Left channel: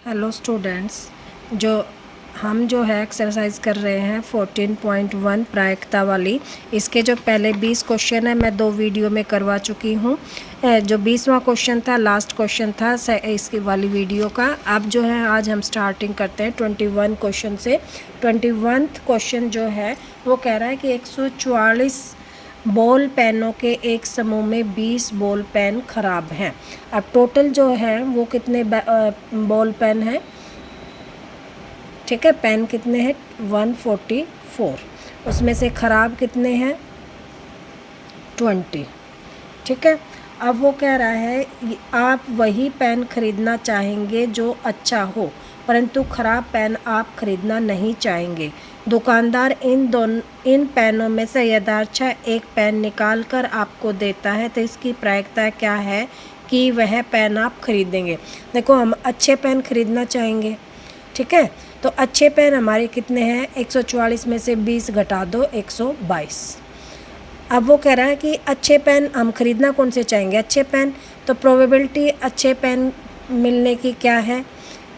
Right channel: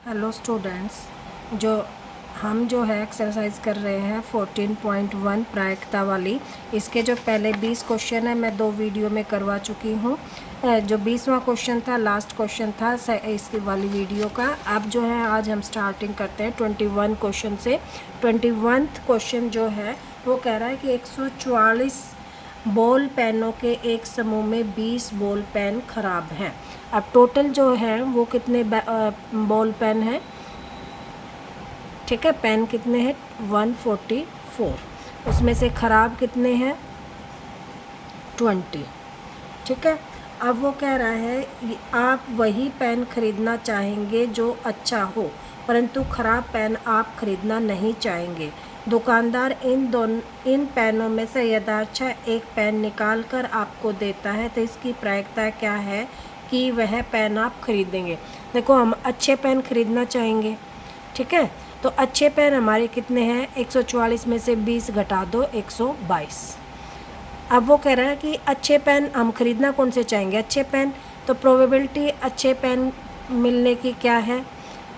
Hello students, हम जो है एक्सरसाइज कर रहे हैं 14.1 प्रायिकता वाली। इसके जो पहले 20 क्वेश्चन है मैं 2 वीडियो में करवा चुकी हूँ। जो 20वां क्वेश्चन था, लास्ट क्वेश्चन था इसकी वाली वीडियो का। अब जो है आज हम स्टार्टिंग करते हैं 21 क्वेश्चन से। 21th क्वेश्चन जो है वो कह रहा है कि 144 बॉल पेनों के एक समूह में 20 बॉल पेन खराब हैं। अब टोटल जो है वो कितने बॉल पेन है, ठीक है, पेन कितने हैं 144, उसमें से ख़राब कितने हैं 20, ठीक है। अब वो कह रहा है आप वही पेन खरीदना चाहेंगे जो अच्छा हो, परंतु ख़राब पेन आप खरीदना नहीं चाहेंगे। दुकानदार इन पेनों में से यथार्थ एक पेन निकाल कर आपको देता है, तो इसकी प्रायिकता क्या है कि वह पेन आप खरीदेंगे। देखो, हम अच्छे पेन खरीदना चाहेंगे, ठीक है, तो अच्छे पेन हमारे कितने हैं, 144 में से 20 घटा दो 122। अब वो कह रहा है कि अच्छे पेन हम खरीदना कौन से चाहेंगे, अच्छे पेन, तो प्रोबेबिलिटी अच्छे पेन मिलने की क्या है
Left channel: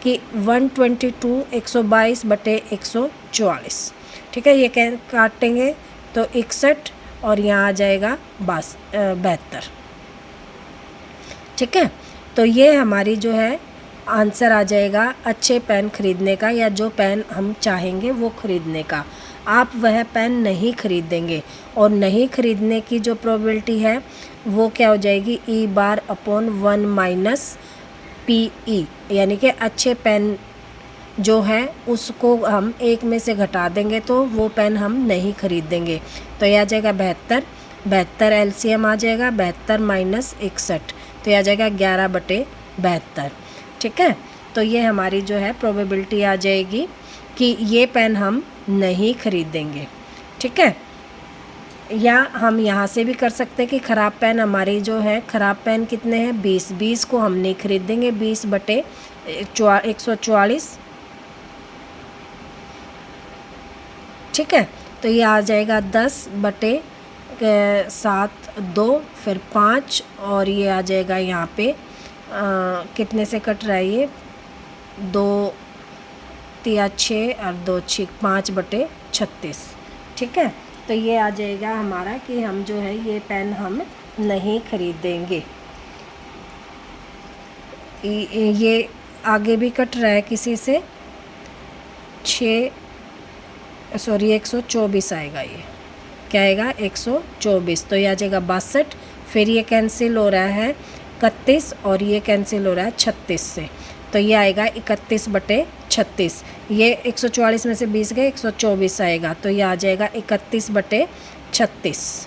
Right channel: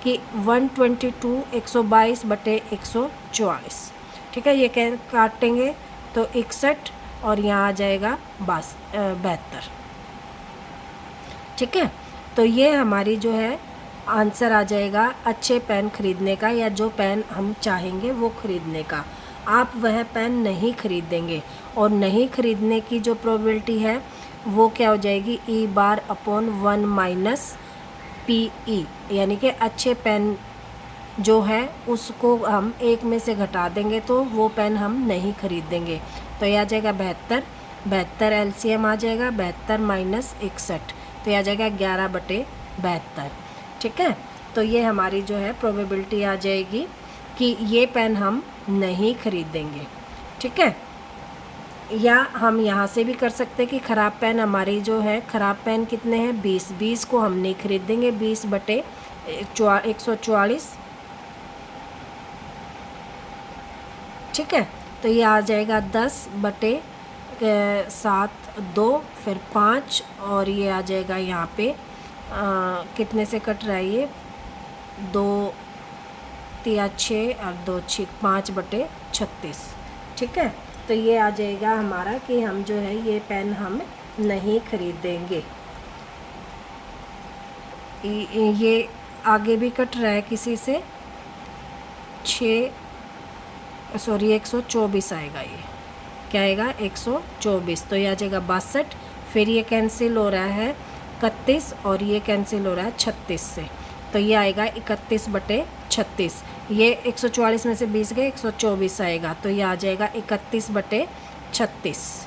कि 122 122 बटे 144, ठीक है। ये काटेंगे तो 61 और यहाँ आ जाएगा 72, ठीक है। तो ये हमारी जो है आंसर आ जाएगा अच्छे पेन खरीदने का, या जो पेन हम चाहेंगे वो खरीदने का। आप वह पेन नहीं खरीदेंगे, और नहीं खरीदने की जो प्रोबेबिलिटी है वो क्या हो जाएगी, E bar upon 1 minus P E, यानी कि अच्छे पेन जो है उसको हम एक में से घटा देंगे तो वो पेन हम नहीं खरीदेंगे। तो यह आ जाएगा 72, 72 एलसीएम आ जाएगा, 72 माइनस 61, तो यह आ जाएगा 11 बटे 72, ठीक है। तो ये हमारी जो है प्रोबेबिलिटी आ जाएगी कि ये पेन हम नहीं खरीदेंगे, ठीक है। या हम यहाँ से भी कर सकते हैं कि ख़राब पेन हमारी जो है, ख़राब पेन कितने हैं 20, 20 को हम नहीं खरीदेंगे, 20 बटे 144, ठीक है। तो ये आ जाएगा 10 बटे 7 2 फिर 5, और ये आ जाएगा यहाँ पे कितने से कट रहा है ये, 2 3 6 और 2 6 5 बटे 36, ठीक है। तो ये आ जाएगा हमारा कि हम जो है ये पेन हम नहीं खरीदेंगे। ये आगे भी कट रहा है किसी से, 124 आएगा, ये क्या आएगा 124, तो ये आ जाएगा 62, फिर ये कैंसिल हो रहा है 31 और ये कैंसिल हो रहा है 36 से, तो ये आएगा 31 बटे 36। ये 144 में से 20 गए, 124 आएगा, तो ये आ जाएगा 31 बटे 36।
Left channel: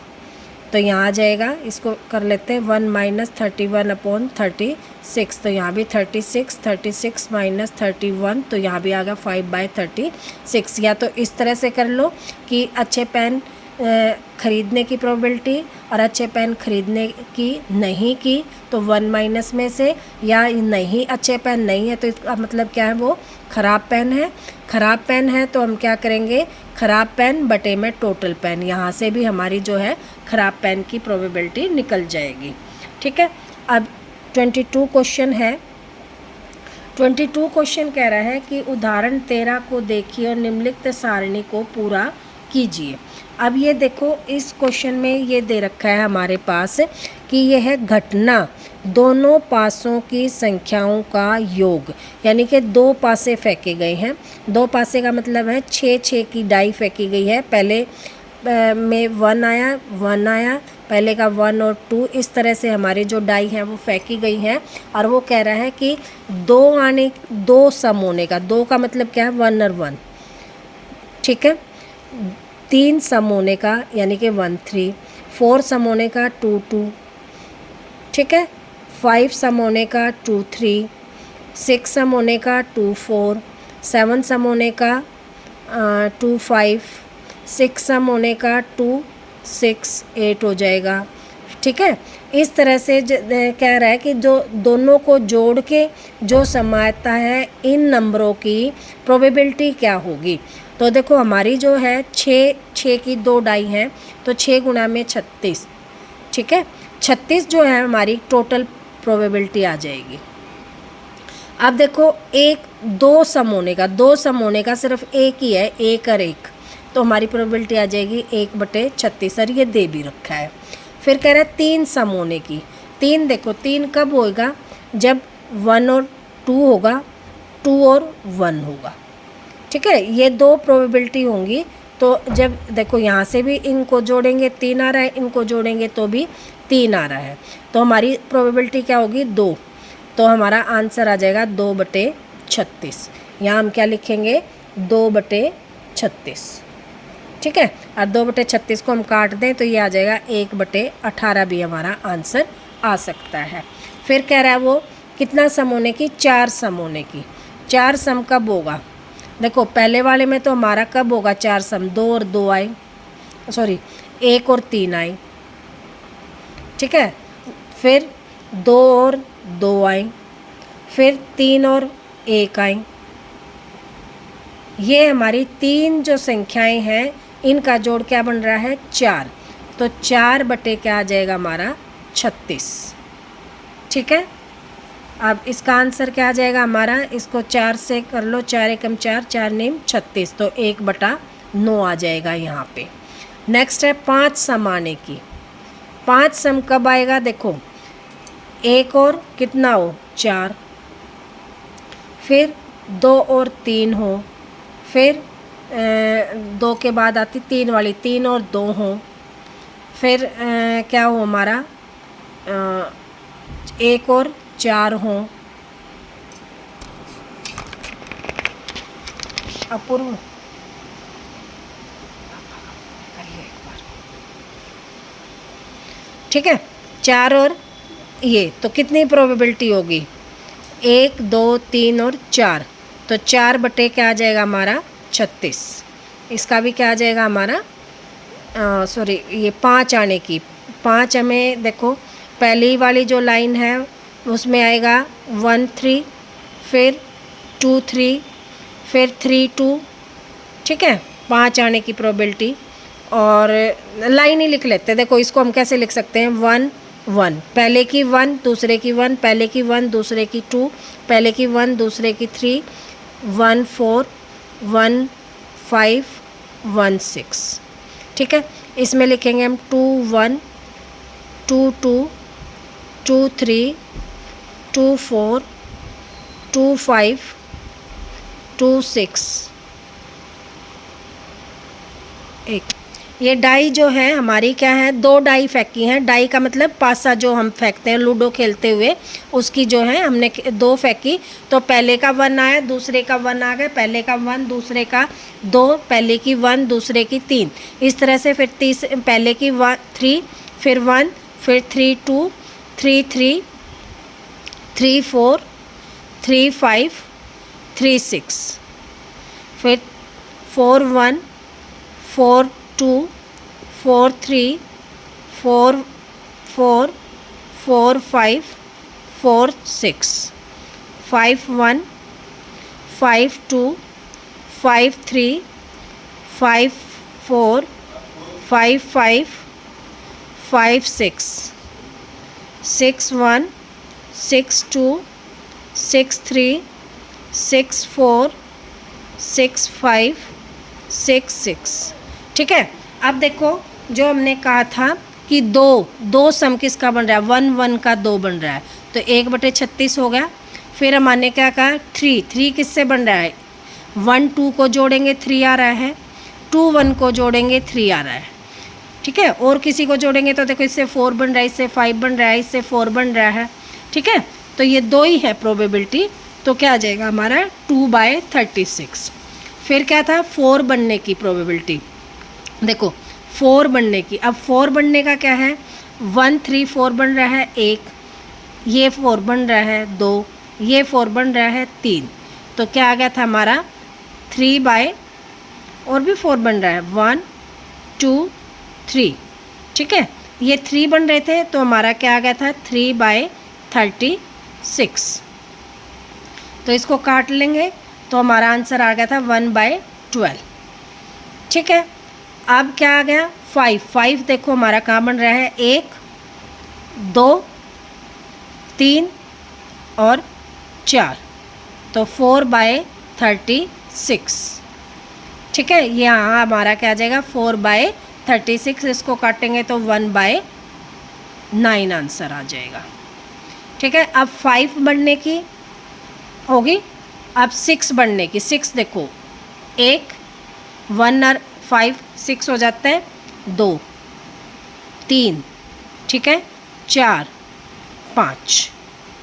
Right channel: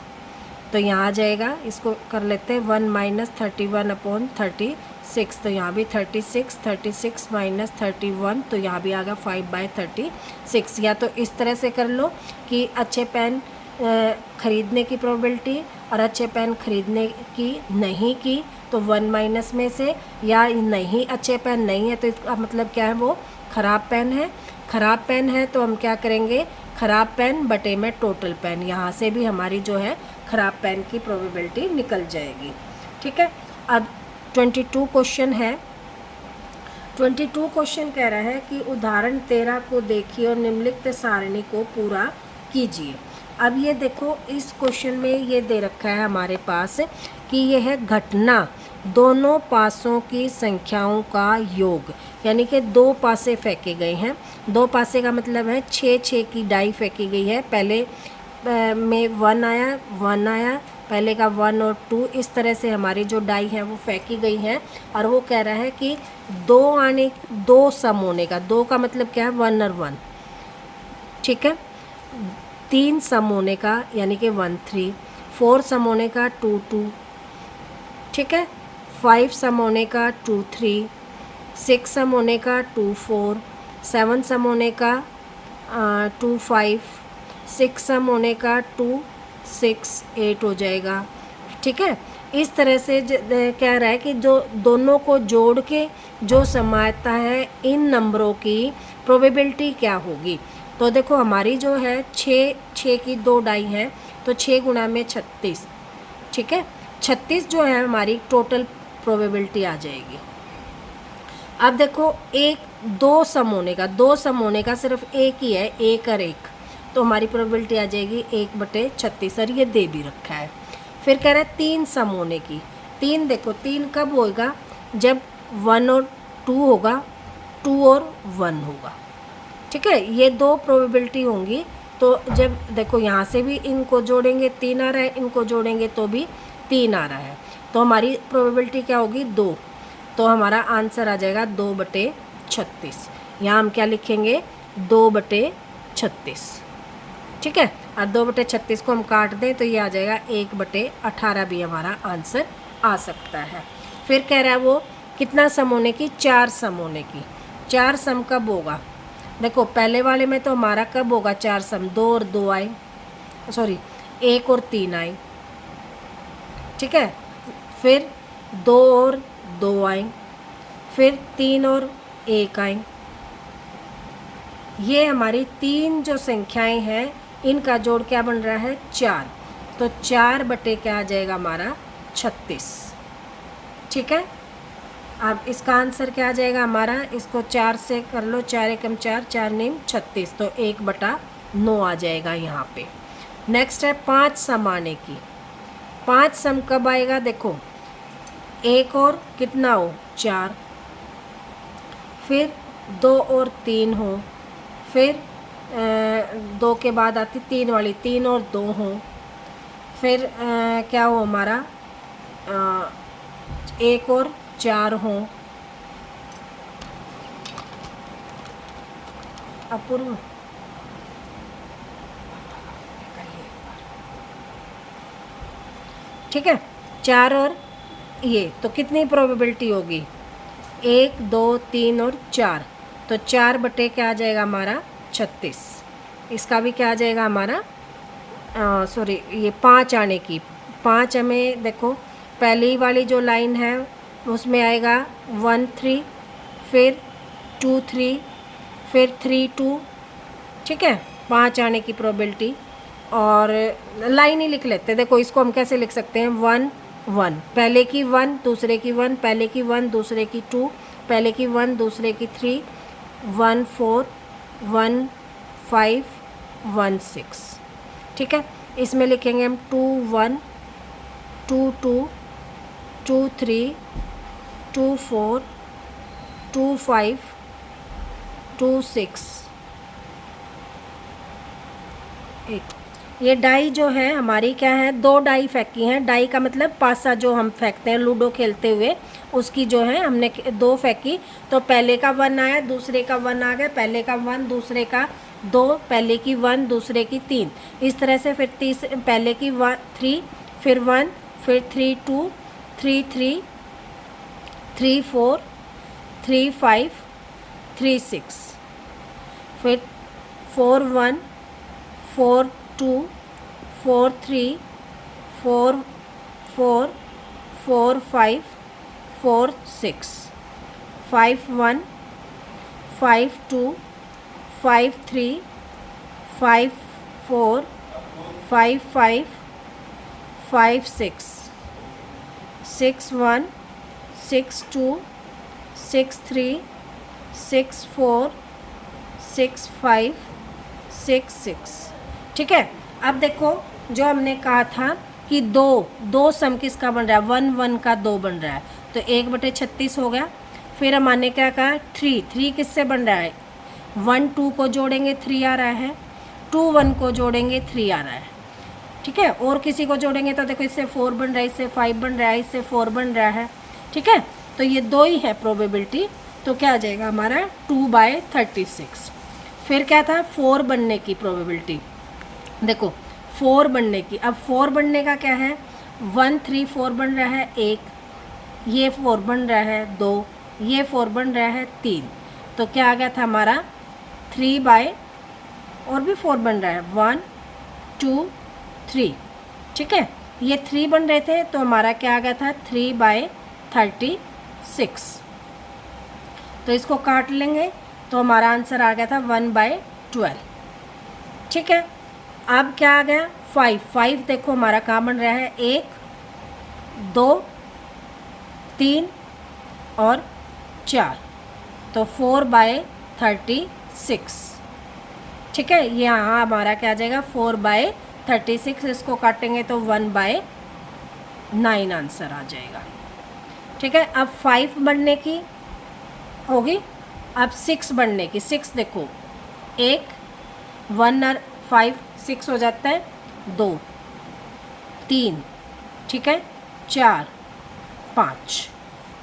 तो यहाँ आ जाएगा, इसको कर लेते हैं 1 माइनस 31 अपॉन 36, तो यहाँ भी 36, 36 माइनस 31, तो यहाँ भी आ गया 5/36। या तो इस तरह से कर लो कि अच्छे पेन खरीदने की प्रोबेबिलिटी और अच्छे पेन खरीदने की नहीं की, तो 1 माइनस में से, या नहीं अच्छे पेन नहीं है तो इसका मतलब क्या है, वो ख़राब पेन है। ख़राब पेन है तो हम क्या करेंगे, ख़राब पेन बटे में टोटल पेन, यहाँ से भी हमारी जो है ख़राब पेन की प्रोबेबिलिटी निकल जाएगी, ठीक है। अब 22 क्वेश्चन है। 22 क्वेश्चन कह रहा है कि उदाहरण 13 को देखिए और निम्नलिखित सारणी को पूरा कीजिए। अब ये देखो, इस क्वेश्चन में ये दे रखा है हमारे पास कि यह घटना दोनों पासों की संख्याओं का योग, यानी कि 2 पासे फेंके गए हैं। 2 पासे का मतलब है 6 की डाई फेंकी गई है। पहले में 1 आया, पहले का 1 और 2, इस तरह से हमारी जो डाई हैं वो फेंकी गई हैं। और वो कह रहा है कि 2 सम होने का, 2 का मतलब क्या है 1 और 1, ठीक है। 3 सम होने का यानी कि 1 3, 4 सम होने का 2 2, ठीक है। 5 सम होने का 2 3, 6 सम होने का 2 4, 7 सम होने का 2 5, 6 सम होने का 2 6 8 हो जाएगा, ठीक है। इस तरह से कह रहा है कि जो दोनों को जोड़ के जो सम आता है, इन नंबरों की प्रोबेबिलिटी क्या होगी। तो देखो, हमारी जो है 6 की 2 डाई हैं, तो 6 गुणा में 36, ठीक है। 36 जो है हमारी टोटल प्रोबेबिलिटी आ जाएगी। अब देखो एक दो सम होने का, दो सम होने का सिर्फ एक ही है, एक और एक, तो हमारी प्रोबेबिलिटी आ जाएगी 1/36 और ये दे भी रखा है। फिर कह रहा है 3 सम होने की। 3 देखो 3 कब होएगा, जब 1 और 2 होगा, 2 और 1 होगा। ठीक है, ये दो प्रोबेबिलिटी होंगी। तो जब देखो यहाँ से भी इनको जोड़ेंगे 3 आ रहा है, इनको जोड़ेंगे तो भी 3 आ रहा है, तो हमारी प्रोबेबिलिटी क्या होगी 2। तो हमारा आंसर आ जाएगा 2/36। यहाँ हम क्या लिखेंगे 2/36। ठीक है, और 2/36 को हम काट दें तो ये आ जाएगा 1/18 भी हमारा आंसर आ सकता है। फिर कह रहा है वो कितना सम होने की, 4 सम होने की। 4 सम कब होगा, देखो पहले वाले में तो हमारा कब होगा 4 सम, 2 और 2 आए, सॉरी 1 और 3 आए। ठीक है, फिर 2 और 2 आए, फिर 3 और 1 आए। ये हमारी 3 जो संख्याएं हैं इनका जोड़ क्या बन रहा है 4। तो 4 बटे क्या आ जाएगा हमारा 36। ठीक है, अब इसका आंसर क्या आ जाएगा हमारा, इसको 4 से कर लो, 4 एकम 4, 4 नेम 36, तो 1/9 आ जाएगा यहाँ पे। नेक्स्ट है 5 सम आने की। 5 सम कब आएगा, देखो 1 और कितना हो 4, फिर 2 और 3 हो, फिर 2 के बाद आती 3 वाली, 3 और 2 हो, फिर क्या हो हमारा 1 और 4 हो, अपूर्व ठीक है 4 और ये, तो कितनी प्रोबेबिलिटी होगी 1 2 3 और 4, तो 4 बटे क्या आ जाएगा हमारा 36। इसका भी क्या आ जाएगा हमारा सॉरी ये 5 आने की। 5 हमें देखो पहली वाली जो लाइन है उसमें आएगा 1 3, फिर 2 3, फिर 3 2। ठीक है, 5 आने की प्रोबेबिलिटी, और लाइन ही लिख लेते हैं। देखो इसको हम कैसे लिख सकते हैं 1 1, पहले की 1 दूसरे की 1, पहले की 1 दूसरे की 2, पहले की 1 दूसरे की 3, 1 4 1 5 1 6। ठीक है, इसमें लिखेंगे हम 2 1 2 2 2 3 2 4 2 5 2 6 1। ये डाई जो है हमारी क्या है, 2 डाई फेंकी हैं। डाई का मतलब पासा जो हम फेंकते हैं लूडो खेलते हुए, उसकी जो है हमने 2 फेंकी, तो पहले का 1 आया, दूसरे का 1 आ गया, पहले का 1 दूसरे का 2, पहले की 1 दूसरे की 3, इस तरह से फिर पहले की 3, फिर 1, फिर 3 2 3 3 3 4 3 5 3 6, फिर 4 1 4 2 4 3 4 4 4 5 4 6 5 1 5 2 5 3 5 4 5 5 5 6 6 1 6 2 6 3 6 4 6 5 6 6। ठीक है, अब देखो जो हमने कहा था कि दो सम किसका बन रहा है 1 1 का 2 बन रहा है, तो 1/36 हो गया। फिर हमने क्या कहा 3 किससे बन रहा है, 1 2 को जोड़ेंगे 3 आ रहा है, 2 1 को जोड़ेंगे 3 आ रहा है। ठीक है, और किसी को जोड़ेंगे तो देखो इससे 4 बन रहा है, इससे 5 बन रहा है, इससे 4 बन रहा है। ठीक है, तो ये 2 ही है प्रोबेबिलिटी, तो क्या आ जाएगा हमारा 2/36। फिर क्या था 4 बनने की प्रोबेबिलिटी, देखो 4 बनने की। अब 4 बनने का क्या है 1 3 4 बन रहा है 1, ये 4 बन रहा है 2, ये 4 बन रहा है 3, तो क्या आ गया था हमारा 3 बाय, और भी 4 बन रहा है 1 2 3। ठीक है, ये 3 बन रहे थे, तो हमारा क्या आ गया था 3/36। तो इसको काट लेंगे तो हमारा आंसर आ गया था 1/12। ठीक है, अब क्या आ गया 5 देखो हमारा कहाँ बन रहा है 1 2 3 और 4, तो 4/36, ठीक है। यहाँ हमारा क्या आ जाएगा 4/36, इसको काटेंगे तो 1/9 आंसर आ जाएगा, ठीक है। अब 5 बढ़ने की होगी, अब 6 बढ़ने की, 6 देखो 1 1 और 5 6 हो जाता है, 2 3, ठीक है, 4 5,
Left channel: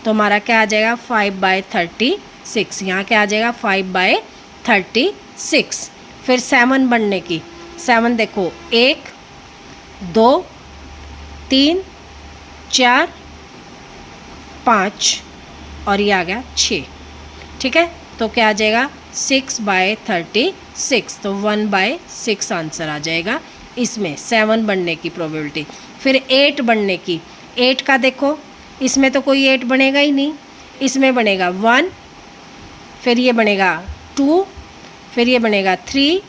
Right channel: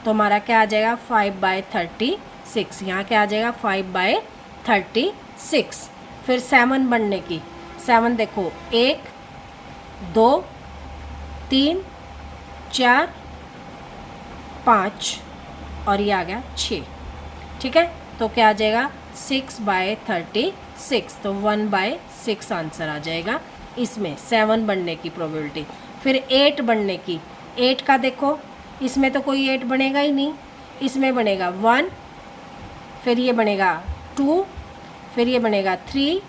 तो हमारा क्या आ जाएगा 5/36। यहाँ क्या आ जाएगा 5/36। फिर 7 बढ़ने की, 7 देखो 1 2 3 4 5 और ये आ गया 6, ठीक है। तो क्या आ जाएगा 6/36, तो 1/6 आंसर आ जाएगा इसमें 7 बढ़ने की प्रोबेबिलिटी। फिर 8 बढ़ने की, 8 का देखो इसमें तो कोई 8 बनेगा ही नहीं, इसमें बनेगा 1, फिर ये बनेगा 2, फिर ये बनेगा 3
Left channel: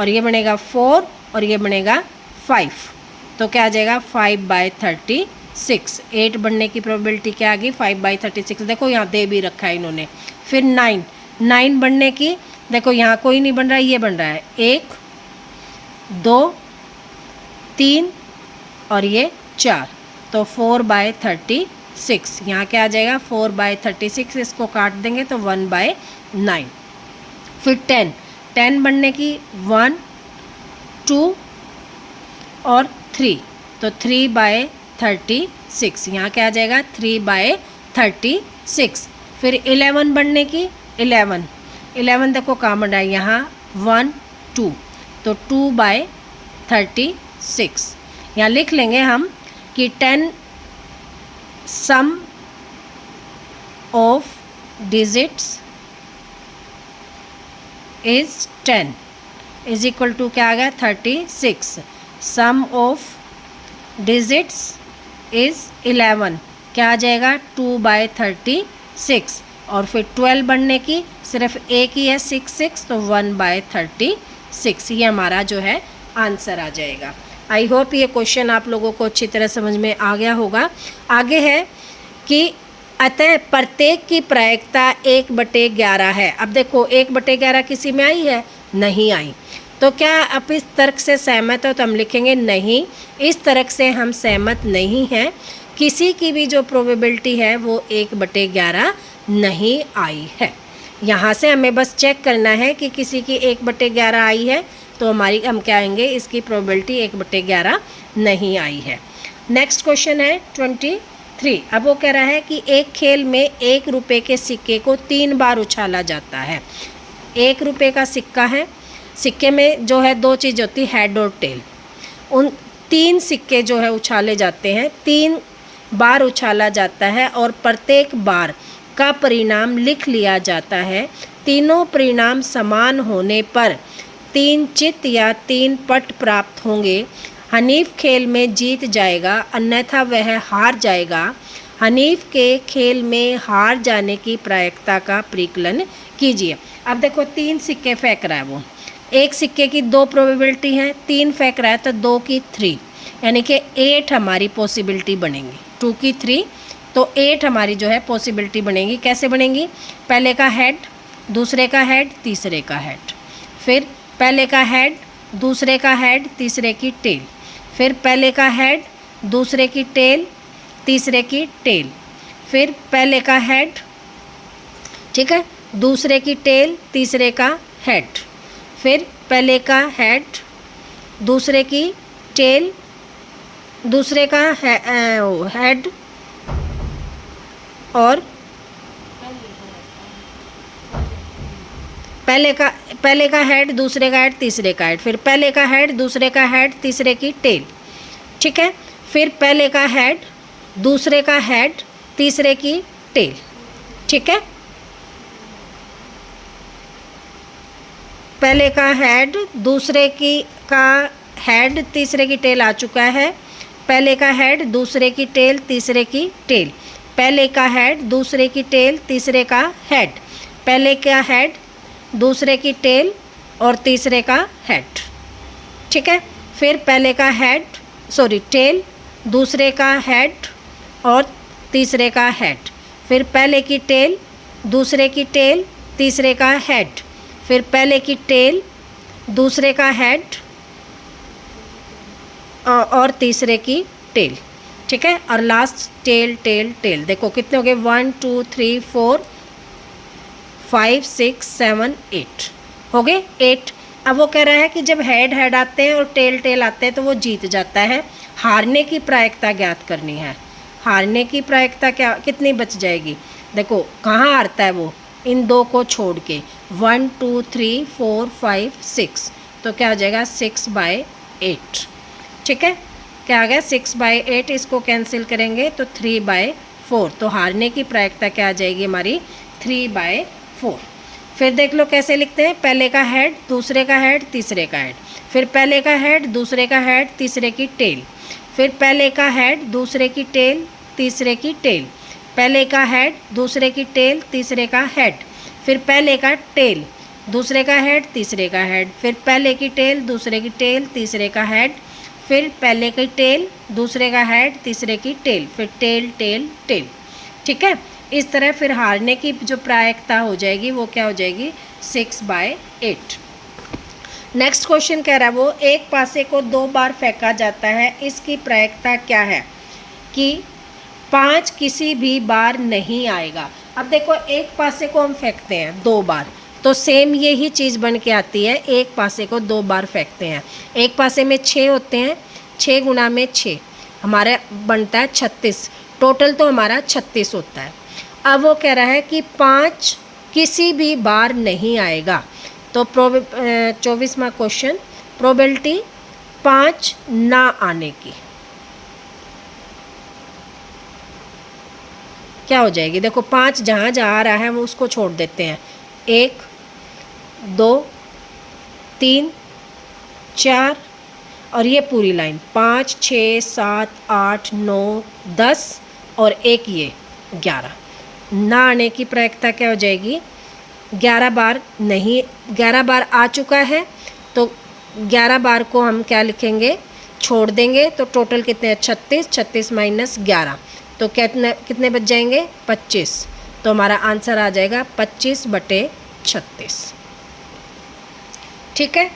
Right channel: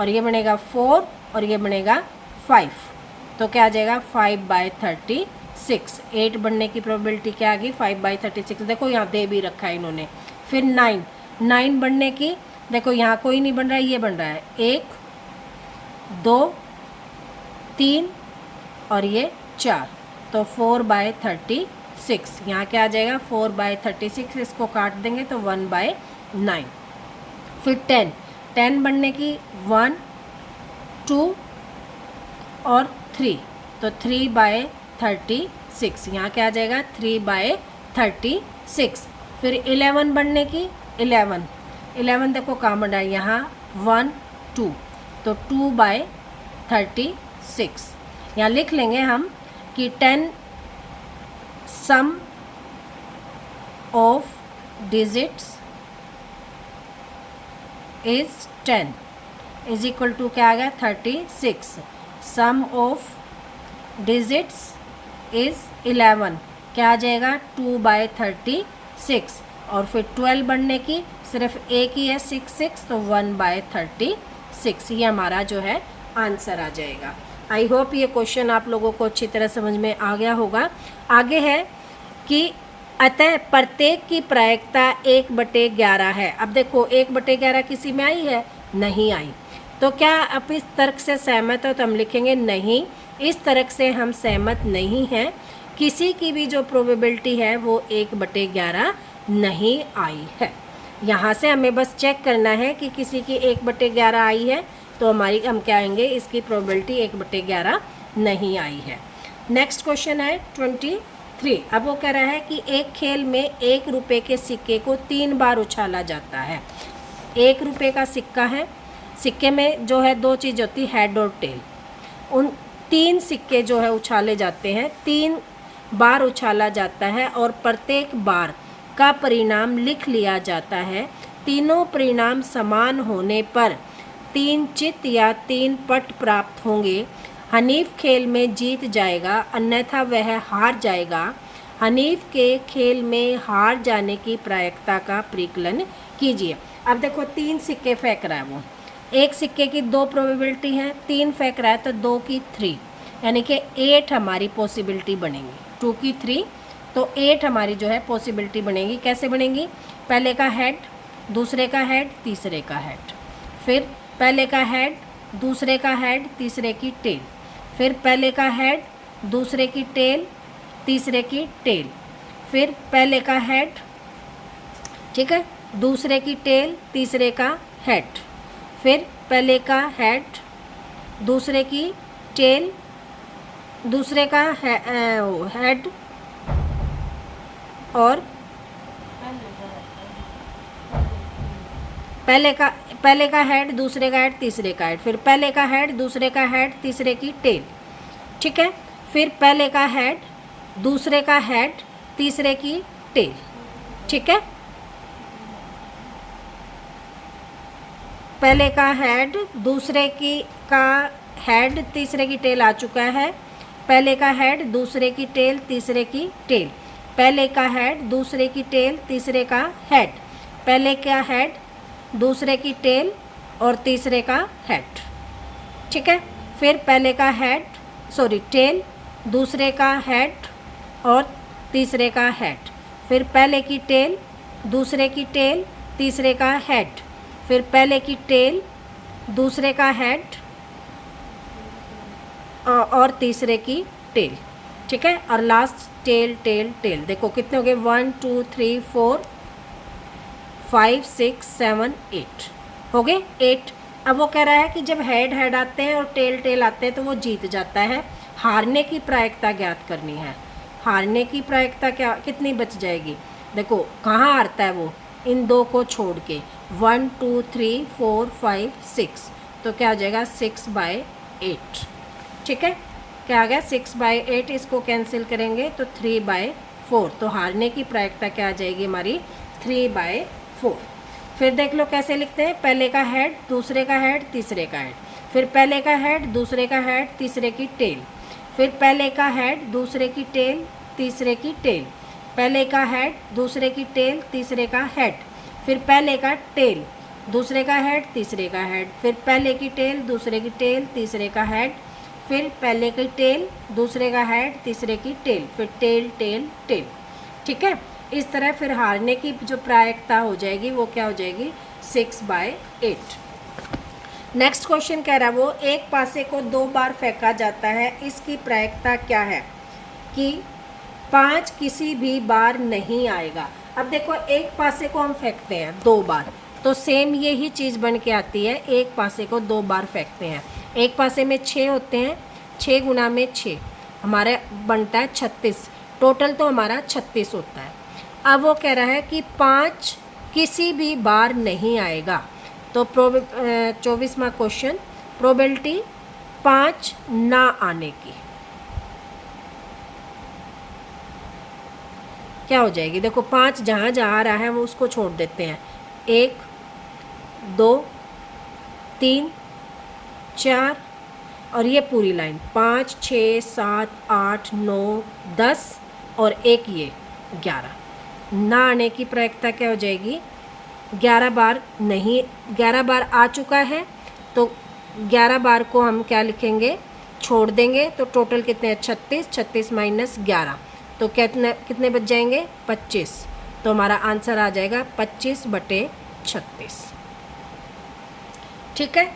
और ये बनेगा 4 और ये बनेगा 5, तो क्या आ जाएगा 5/36। 8 बनने की प्रोबेबिलिटी क्या आ गई 5/36, देखो यहाँ दे भी रखा है इन्होंने। फिर 9 बनने की, देखो यहाँ कोई नहीं बन रहा है, ये बन रहा है 1 2 3 और ये 4, तो 4/36। यहाँ क्या आ जाएगा 4/36, इसको काट देंगे तो 1/9। फिर 10 बनने की 1 2 और 3, तो 3/36, यहाँ क्या आ जाएगा 3/36। फिर 11 बनने की, 11 देखो कहाँ बन रहा है, यहाँ 1 2, तो 2/36। यहाँ लिख लेंगे हम कि 10 sum of digits is 10 is equal to क्या आ गया 36। सम ऑफ डिजिट्स इज 11, क्या आ जाएगा 2/36। और फिर 12 बनने की सिर्फ एक ही है 6, तो 1/36, ये हमारा जो है आंसर आ जाएगा। आई होप ये क्वेश्चन आप लोगों को अच्छी तरह समझ में आ गया होगा। आगे है कि अतः प्रत्येक की प्रायिकता 1/11 है। अब देखो 1/11 किसी में आई है, नहीं आई, तो क्या आप इस तर्क से सहमत हो, तो हम लिखेंगे नहीं, इस तर्क से हम सहमत नहीं हैं। किसी की भी जो प्रोबेबिलिटी है वो 1/11 नहीं आई है। यहाँ से हमें बस चेक करना है कि किसी की 1/11 आई है, तो हमारी हम क्या आएंगे, इसकी प्रोबेबिलिटी 1/11 नहीं आई है। नेक्स्ट क्वेश्चन है 23। अब वो कह रहा है कि एक खेल में 1 रुपये के सिक्के को 3 बार उछाला जाता है। 1 रुपये का सिक्का है, सिक्के में जो है 2 चीज़ होती है, हेड और टेल। उन 3 सिक्के जो है उछाले जाते हैं, 3 बार उछाला जाता है और प्रत्येक बार का परिणाम लिख लिया जाता है। तीनों परिणाम समान होने पर 3 चित या 3 पट प्राप्त होंगे। हनीफ खेल में जीत जाएगा, अन्यथा वह हार जाएगा। हनीफ के खेल में हार जाने की प्रायिकता का परिकलन कीजिए। अब देखो 3 सिक्के फेंक रहा है वो, एक सिक्के की 2 प्रोबेबिलिटी है, 3 फेंक रहा है तो 2 की 3, यानी कि 8 हमारी पॉसिबिलिटी बनेंगी। 2 की 3 तो 8 हमारी जो है पॉसिबिलिटी बनेगी। कैसे बनेगी, पहले का हेड, दूसरे का हेड, तीसरे का हेड, फिर पहले का हेड, दूसरे का हेड, तीसरे की टेल, फिर पहले का हेड, दूसरे की टेल, तीसरे की टेल, फिर पहले का हेड, ठीक है, दूसरे की टेल, तीसरे का हेड, फिर पहले का हेड, दूसरे की टेल, दूसरे का हेड और पहले का हेड, दूसरे का हेड, तीसरे का हेड, फिर पहले का हेड, दूसरे का हेड, तीसरे की टेल, ठीक है, फिर पहले का हेड, दूसरे का हेड, तीसरे की टेल, ठीक है, पहले का हेड, दूसरे की का हेड, तीसरे की टेल आ चुका है। पहले का हेड, दूसरे की टेल, तीसरे की टेल, पहले का हेड, दूसरे की टेल, तीसरे का हेड, पहले का हेड, दूसरे की टेल और तीसरे का हेड, ठीक है, फिर पहले का हेड, टेल, दूसरे का हेड और तीसरे का हेड, फिर पहले की टेल, दूसरे की टेल, तीसरे का हेड, फिर पहले की टेल, दूसरे का हेड और तीसरे की टेल, ठीक है। और लास्ट टेल टेल टेल। देखो कितने हो गए, 1 2 3 4 5 6 7 8 हो गए 8। अब वो कह रहा है कि जब हेड हेड आते हैं और टेल टेल आते हैं तो वो जीत जाता है। हारने की प्रायिकता ज्ञात करनी है। हारने की प्रायिकता क्या कितनी बच जाएगी, देखो कहाँ हारता है वो, इन दो को छोड़ के, 1 2 3 4 5 6, तो क्या हो जाएगा 6/8, ठीक है। क्या आ गया 6/8, इसको कैंसिल करेंगे तो 3/4, तो हारने की प्रायिकता क्या आ जाएगी हमारी 3/4। फिर देख लो कैसे लिखते हैं, पहले का हेड, दूसरे का हेड, तीसरे का हेड, फिर पहले का हेड, दूसरे का हेड, तीसरे की टेल, फिर पहले का हेड, दूसरे की टेल, तीसरे की टेल, पहले का हेड, दूसरे की टेल, तीसरे का हेड, फिर पहले का टेल, दूसरे का हेड, तीसरे का हेड, फिर पहले की टेल, दूसरे की टेल, तीसरे का हेड, फिर पहले की टेल, दूसरे का हेड, तीसरे की टेल, फिर टेल टेल टेल, ठीक है। इस तरह फिर हारने की जो प्रायिकता हो जाएगी वो क्या हो जाएगी 6/8। नेक्स्ट क्वेश्चन कह रहा है वो एक पासे को 2 बार फेंका जाता है, इसकी प्रायिकता क्या है कि 5 किसी भी बार नहीं आएगा। अब देखो एक पासे को हम फेंकते हैं 2 बार, तो सेम यही चीज़ बन के आती है। एक पासे को 2 बार फेंकते हैं, एक पासे में 6 होते हैं, 6 गुना में 6 हमारा बनता है 36, टोटल तो हमारा 36 होता है। अब वो कह रहा है कि 5 किसी भी बार नहीं आएगा, तो 24वां क्वेश्चन, प्रोबेबिलिटी 5 ना आने की क्या हो जाएगी। देखो 5 जहाँ जहाँ आ रहा है वो उसको छोड़ देते हैं, 1 2 3 4 और ये पूरी लाइन 5 6 7 8 9 10 और एक ये 11। ना आने की प्रायिकता क्या हो जाएगी, 11 बार नहीं, 11 बार आ चुका है तो 11 बार को हम क्या लिखेंगे, छोड़ देंगे, तो टोटल कितने हैं 36, 36 माइनस 11, तो कितने बच जाएंगे 25, तो हमारा आंसर आ जाएगा 25/36, ठीक है।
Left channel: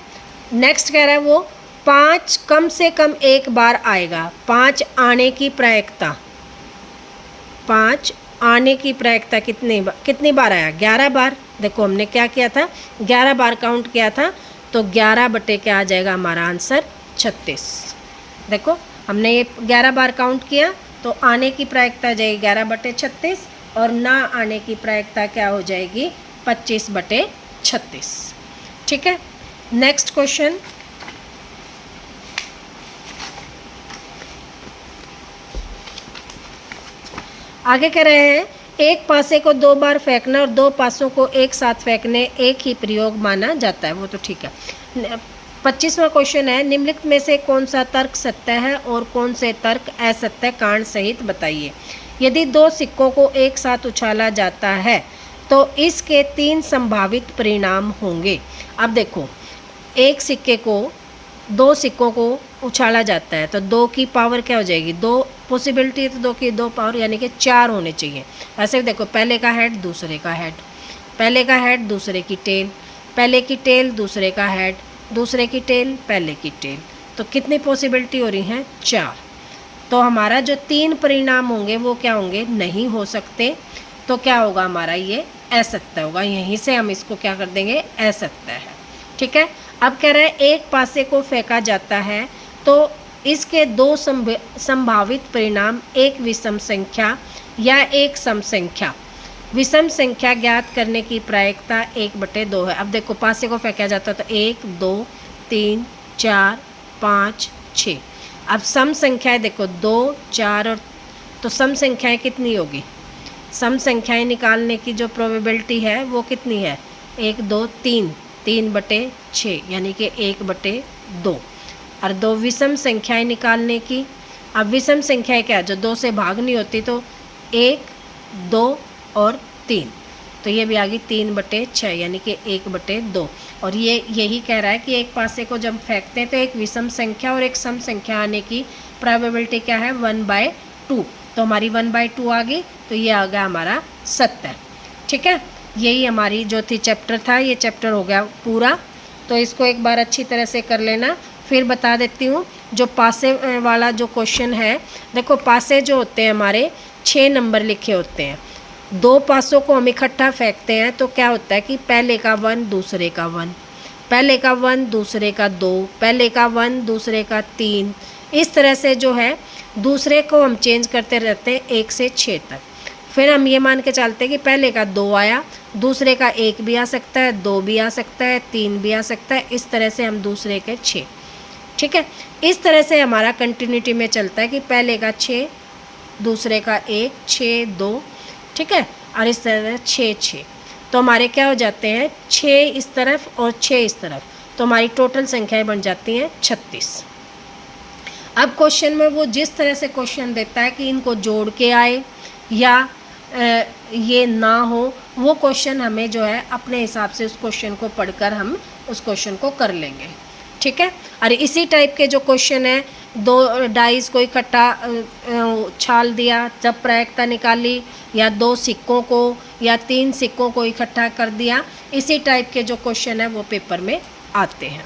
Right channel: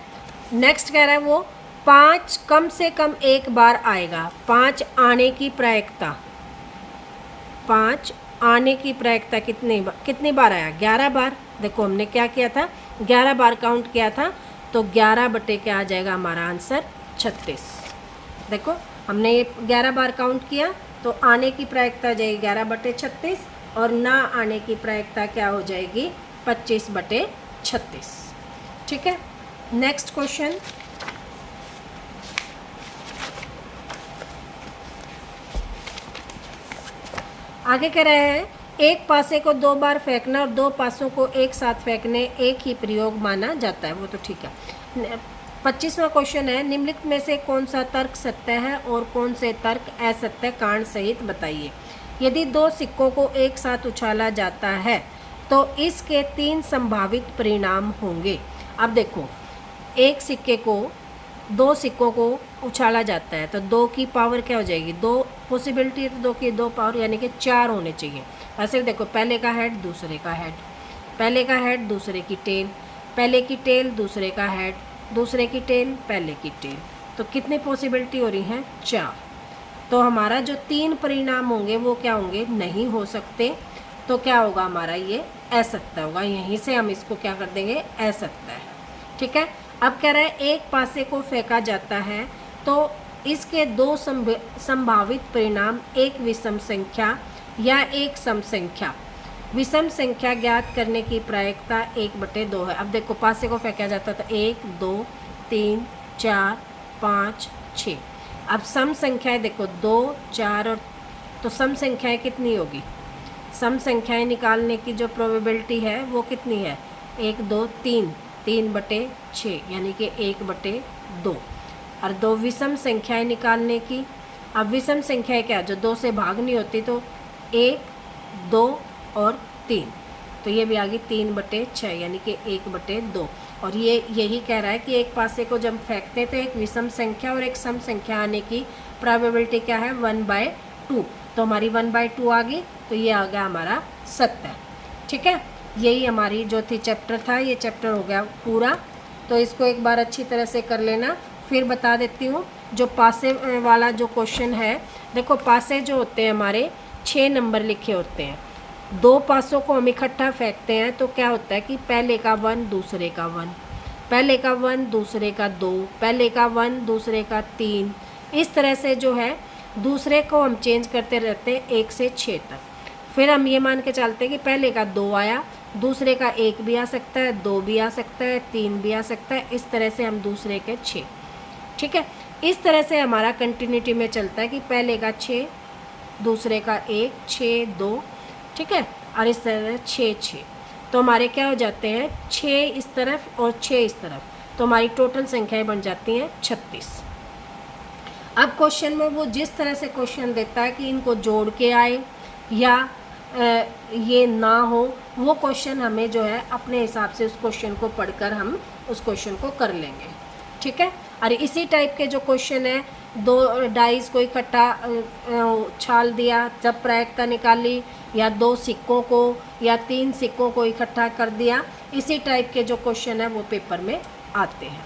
नेक्स्ट कह रहा है वो 5 कम से कम एक बार आएगा, 5 आने की प्रायिकता, 5 आने की प्रायिकता कितनी बार आया, 11 बार। देखो हमने क्या किया था, 11 बार काउंट किया था, तो 11 बटे क्या आ जाएगा हमारा आंसर 36। देखो हमने ये 11 बार काउंट किया तो आने की प्रायिकता आ जाएगी 11/36 और ना आने की प्रायिकता क्या हो जाएगी 25/36, ठीक है। नेक्स्ट क्वेश्चन, आगे कह रहे हैं एक पासे को 2 बार फेंकना और 2 पासों को एक साथ फेंकने एक ही प्रयोग माना जाता है, वो तो ठीक है। 25वां क्वेश्चन है, निम्नलिखित में से कौन सा तर्क सत्य है और कौन से तर्क असत्य, कारण सहित बताइए। यदि 2 सिक्कों को एक साथ उछाला जाता है तो इसके 3 संभावित परिणाम होंगे। अब देखो एक सिक्के को 2 सिक्कों को उछाला जाता है तो 2 की पावर क्या हो जाएगी, 2 पॉसिबिलिटी है तो 2 की 2 पावर यानी कि 4 होने चाहिए। ऐसे देखो पहले का हेड, दूसरे का हेड, पहले का हेड, दूसरे की टेल, पहले की टेल, दूसरे का हेड, दूसरे की टेल, पहले की टेल, तो कितनी पॉसिबिलिटी हो रही हैं 4। तो हमारा जो 3 परिणाम होंगे वो क्या होंगे, नहीं हो सकते, तो क्या होगा हमारा ये असत्य होगा। यहीं से हम इसको क्या कर देंगे, असत्य है, ठीक है। अब कह रहे हैं एक पासे को फेंका जाता है तो इसके 2 संभावित परिणाम, एक विषम संख्या या एक सम संख्या। विषम संख्या ज्ञात करने की प्रायिकता 1/2 है। अब देखो पासे को फेंका जाता है तो 1 2 3 4 5 6। अब सम संख्याएं देखो 2 4 और, तो सम संख्याएं कितनी होगी, सम संख्याएं निकालने की जो प्रोबेबिलिटी है वो कितनी है 1 2 3, 3/6 यानी कि 1/2। और 2 विषम संख्याएं निकालने की, अब विषम संख्याएं क्या, जो 2 से भाग नहीं होती, तो 1 2 और 3, तो ये भी आ गई 3/6 यानी कि 1/2। और ये यही कह रहा है कि एक पासे को जब फेंकते हैं तो एक विषम संख्या और एक सम संख्या आने की प्रोबेबिलिटी क्या है 1/2, तो हमारी 1/2 आ गई, तो ये आ गया हमारा सत्य, ठीक है। यही हमारी जो थी चैप्टर था, ये चैप्टर हो गया पूरा। तो इसको एक बार अच्छी तरह से कर लेना। फिर बता देती हूँ जो पासे वाला जो क्वेश्चन है, देखो पासे जो होते हैं हमारे 6 नंबर लिखे होते हैं। 2 पासों को हम इकट्ठा फेंकते हैं तो क्या होता है कि पहले का 1 दूसरे का 1, पहले का 1 दूसरे का 2, पहले का 1 दूसरे का 3, इस तरह से जो है दूसरे को हम चेंज करते रहते हैं 1 से 6 तक। फिर हम ये मान के चलते हैं कि पहले का 2 आया, दूसरे का 1 भी आ सकता है, 2 भी आ सकता है, 3 भी आ सकता है, इस तरह से हम दूसरे के 6, ठीक है। इस तरह से हमारा कंटिन्यूटी में चलता है कि पहले का 6, दूसरे का 1, 6, 2, ठीक है, और इस तरह 6, 6। तो हमारे क्या हो जाते हैं 6 इस तरफ और 6 इस तरफ, तो हमारी टोटल संख्याएं बन जाती हैं 36। अब क्वेश्चन में वो जिस तरह से क्वेश्चन देता है कि इनको जोड़ के आए या ये ना हो, वो क्वेश्चन हमें जो है अपने हिसाब से उस क्वेश्चन को पढ़कर हम उस क्वेश्चन को कर लेंगे, ठीक है। और इसी टाइप के जो क्वेश्चन है, 2 डाइस को इकट्ठा उछाल दिया, जब प्रायिकता निकाली, या 2 सिक्कों को या 3 सिक्कों को इकट्ठा कर दिया, इसी टाइप के जो क्वेश्चन है वो पेपर में आते हैं।